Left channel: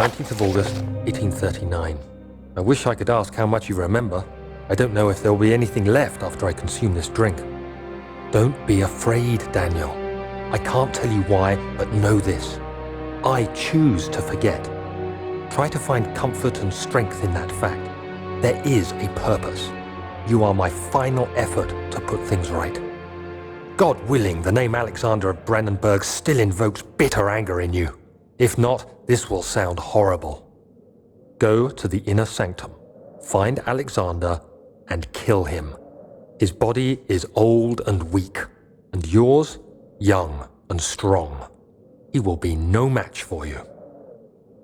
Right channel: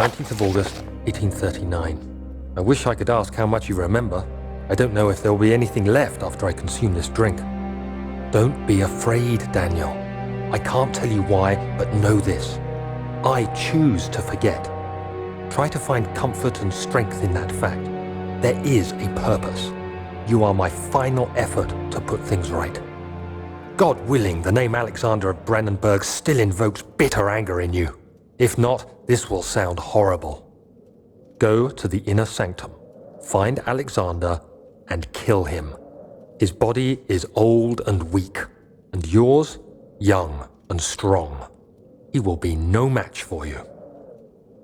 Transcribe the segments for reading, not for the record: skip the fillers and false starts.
19th of August, 1839. I wish I could ask how much you remember. I don't know if there will be anything left after I consume this drink. Don't be afraid, Daniel. I can't tell you why, but know this. I choose to forget. Try to find comfort and strength in that fact. There is a purpose. You are my final effort to put things right. God willing, the name Alexander of Brandenburg still invokes bitter anger in you. If not, this will sound horrible. Go to the inner sanctum, find Alexander, and kill him. His body is old and weak, and yours, young and strong. He will be no match for you.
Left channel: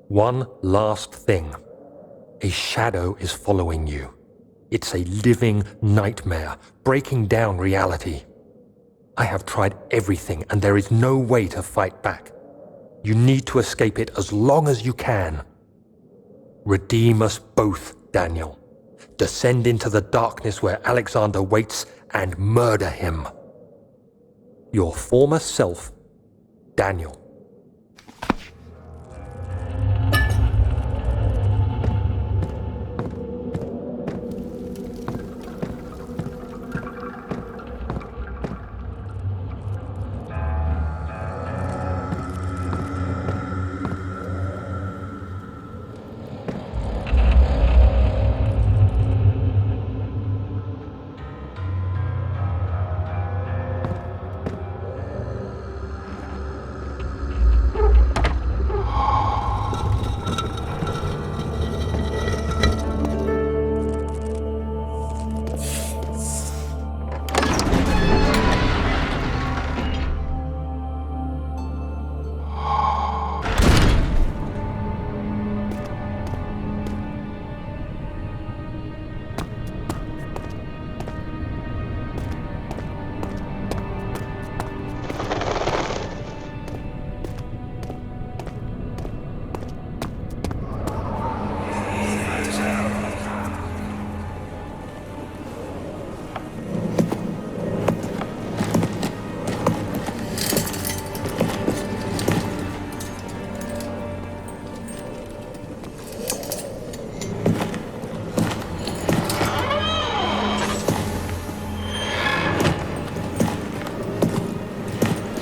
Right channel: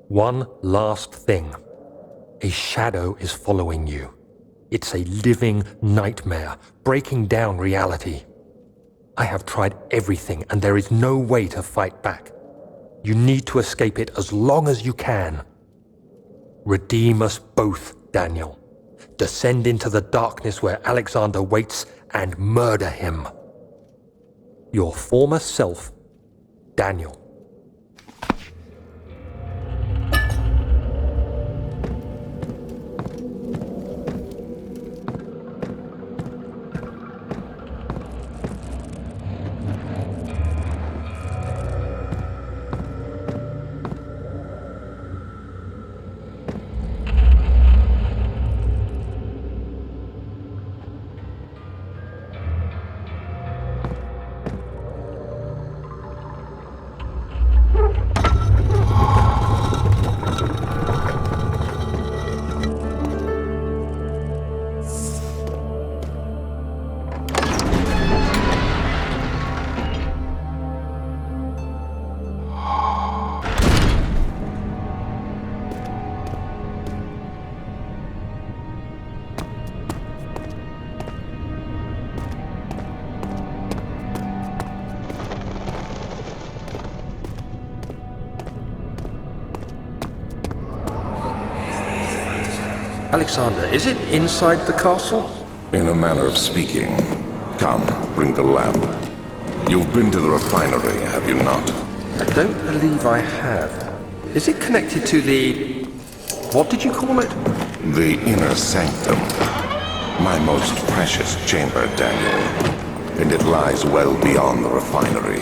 One last thing. A shadow is following you. It's a living nightmare, breaking down reality. I have tried everything, and there is no way to fight back. You need to escape it as long as you can. Redeem us both, Daniel. Descend into the darkness where Alexander waits and murder him. Your former self, Daniel. Alexander, is it inside the castle? In a manner of speaking. Come, bring the lamp. You've been to the refinery, have you not? I don't believe I have. Is it connected to the... what did you call it? The inner sanctum. My most precious chamber, Daniel. And it lies well beyond the refinery.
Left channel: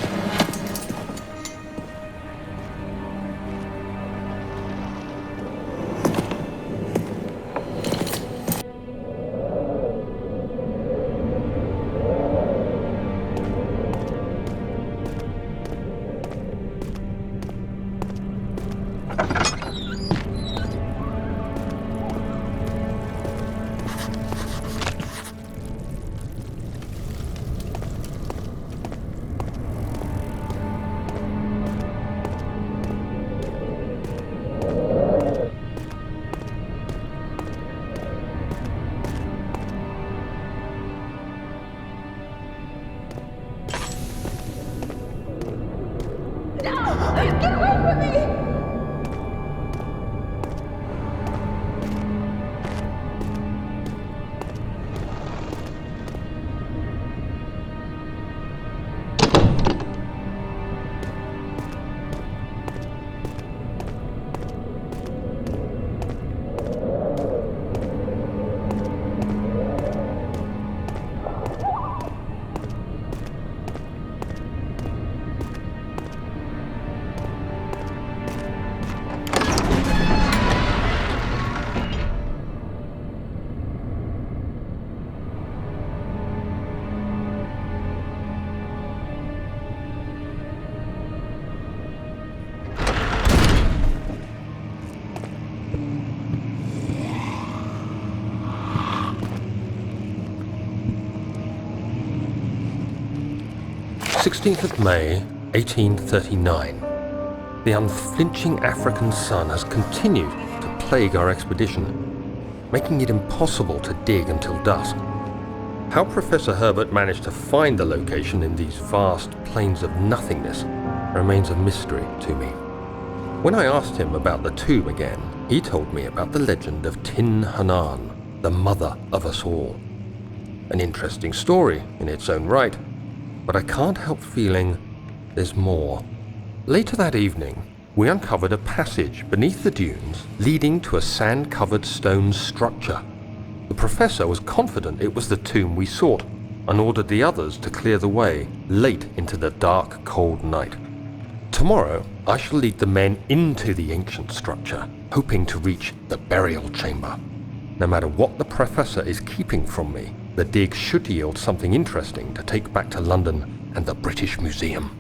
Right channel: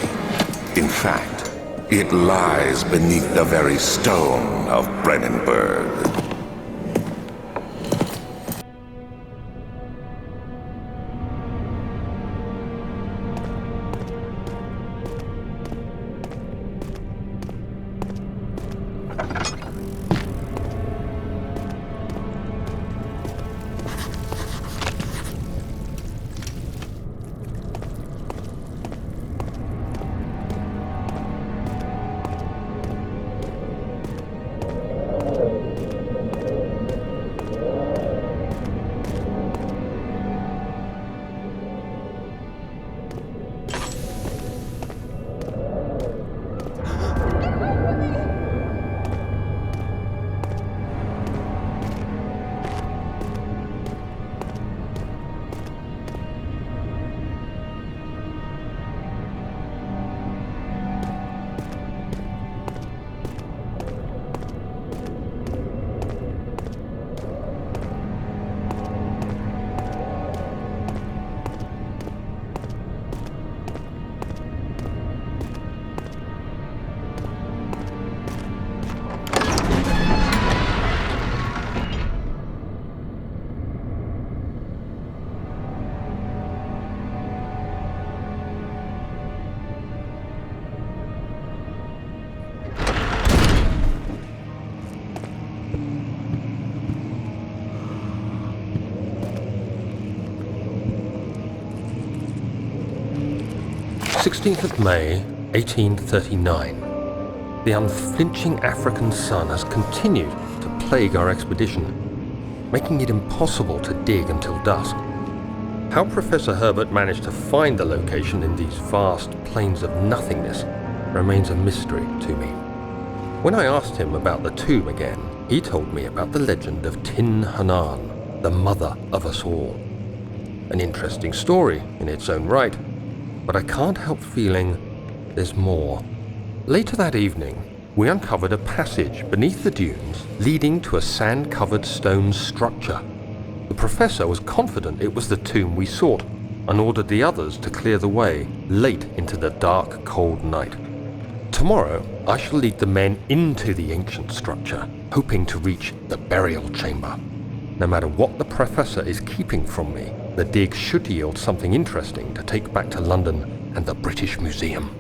In fact, it lies beneath the very stone of Brandenburg. May 1839. The unflinching African sun has continued to plague our expedition, making it impossible to dig until dusk. How Professor Herbert managed to find the location in these vast plains of nothingness remains a mystery to me. When I asked him about the tomb again, he told me about the legend of Tin Hanan, the mother of us all. An interesting story in its own right, but I can't help feeling there's more. Later that evening, we uncovered a passage beneath the dunes leading to a sand-covered stone structure. The professor was confident it was the tomb we sought and ordered the others to clear the way late into the dark, cold night. Tomorrow, I shall lead the men into the ancient structure, hoping to reach the burial chamber. No matter what the professor is keeping from me, the dig should yield something interesting to take back to London and the British Museum.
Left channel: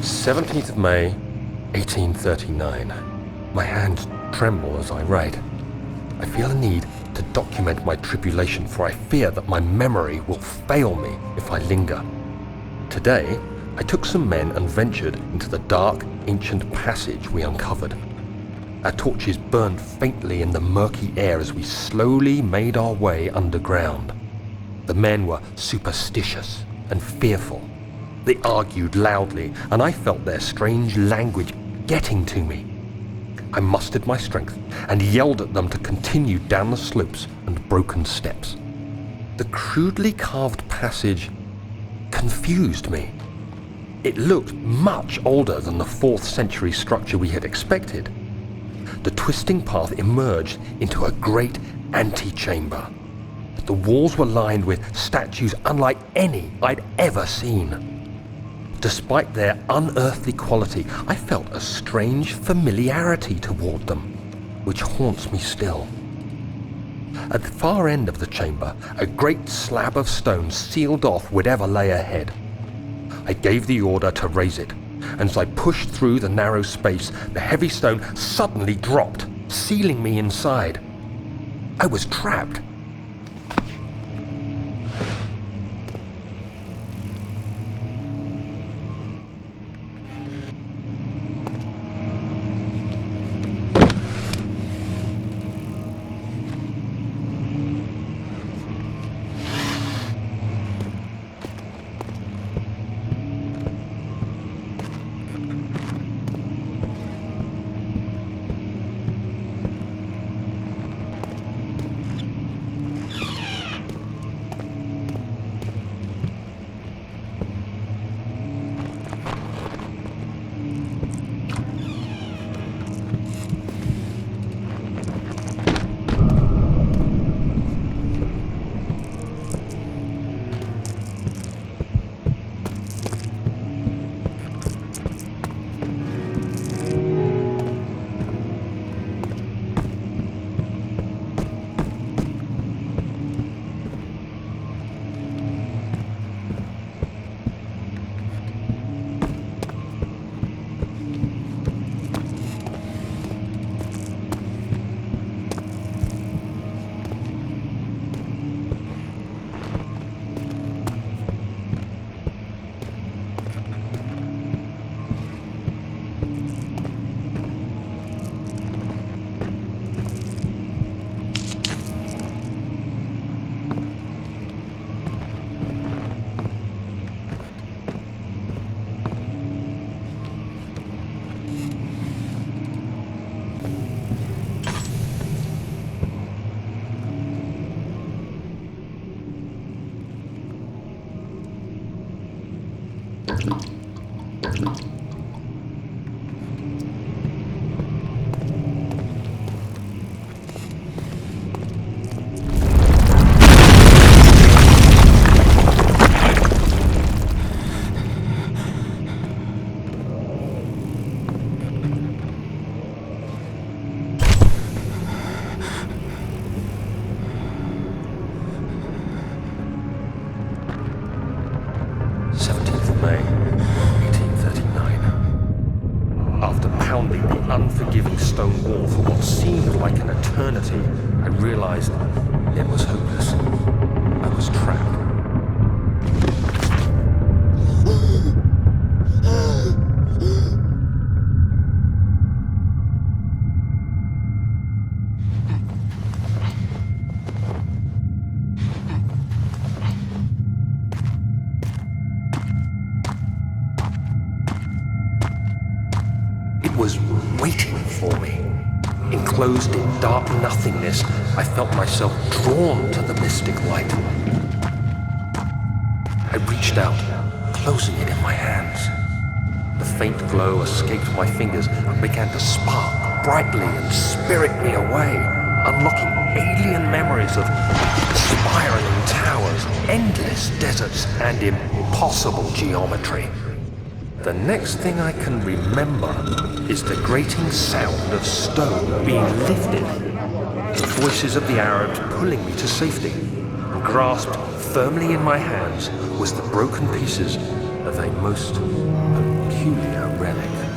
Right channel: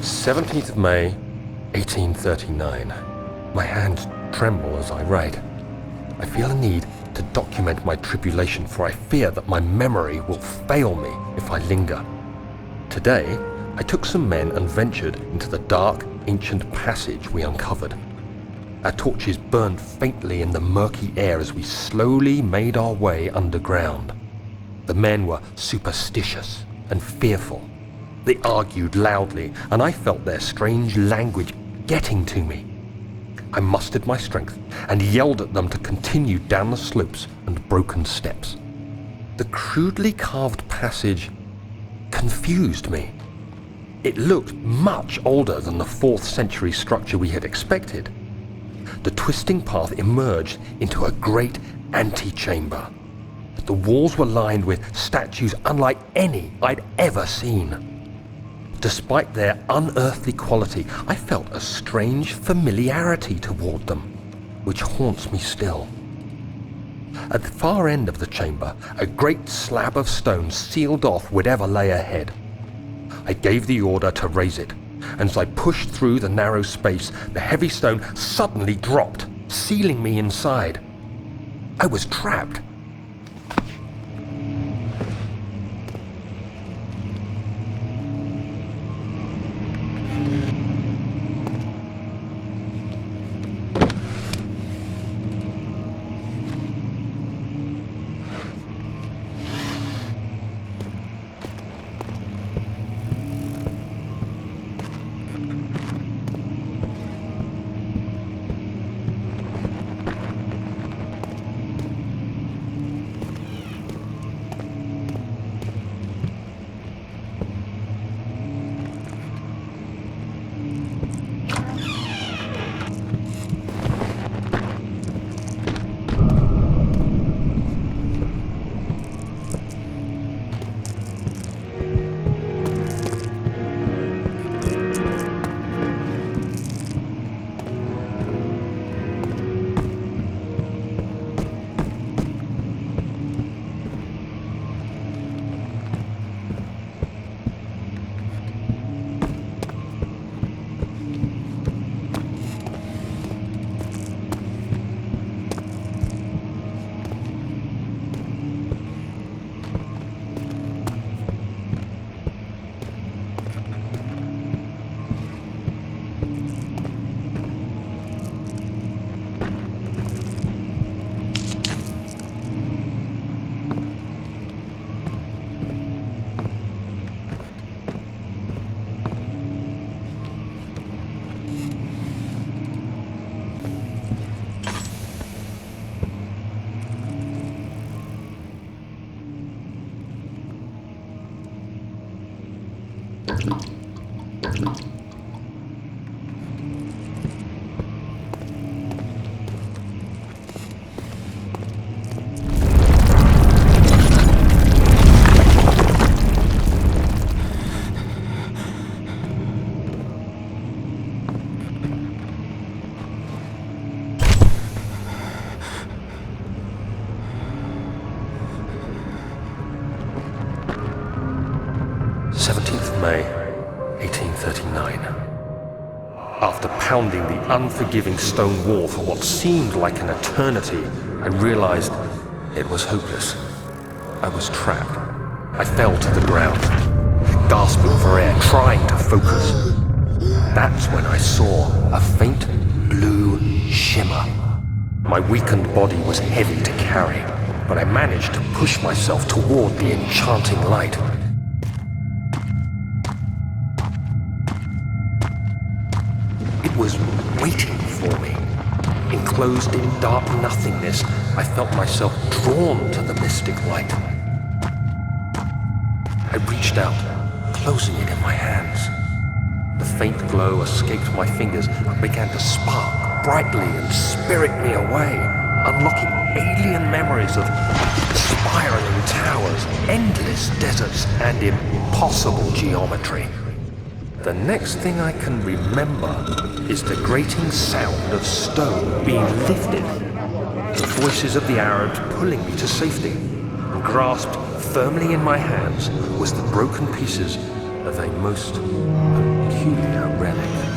"17th of May, 1839. My hands tremble as I write. I feel a need to document my tribulation, for I fear that my memory will fail me if I linger. Today, I took some men and ventured into the dark, ancient passage we uncovered. Our torches burned faintly in the murky air as we slowly made our way underground. The men were superstitious and fearful. They argued loudly, and I felt their strange language getting to me. I mustered my strength and yelled at them to continue down the slopes and broken steps. The crudely carved passage confused me. It looked much older than the 4th century structure we had expected. The twisting path emerged into a great antechamber. The walls were lined with statues unlike any I'd ever seen. Despite their unearthly quality, I felt a strange familiarity toward them, which haunts me still. At the far end of the chamber, a great slab of stone sealed off whatever lay ahead. I gave the order to raise it, and as I pushed through the narrow space, the heavy stone suddenly dropped, sealing me inside. I was trapped. unforgiving stone wall for what seemed like an eternity, I realized it was hopeless. I was trapped. I fell to the ground, gasping for air, trying to focus. That's when I saw a faint blue shimmer. My weakened body was heavy to carry, but I managed to push myself toward the enchanting light. It was waiting for me. Enclosed in dark nothingness, I felt myself drawn to the mystic light. I reached out, closing it in my hands. The faint glow escaped my fingers and began to spark brightly and spirit me away, unlocking alien memories of spiraling towers, endless deserts, and impossible geometry. The next thing I can remember is the grating sound of stone being lifted, the voices of the Arabs pulling me to safety, and grasped firmly in my hands was the broken pieces of a most peculiar relic.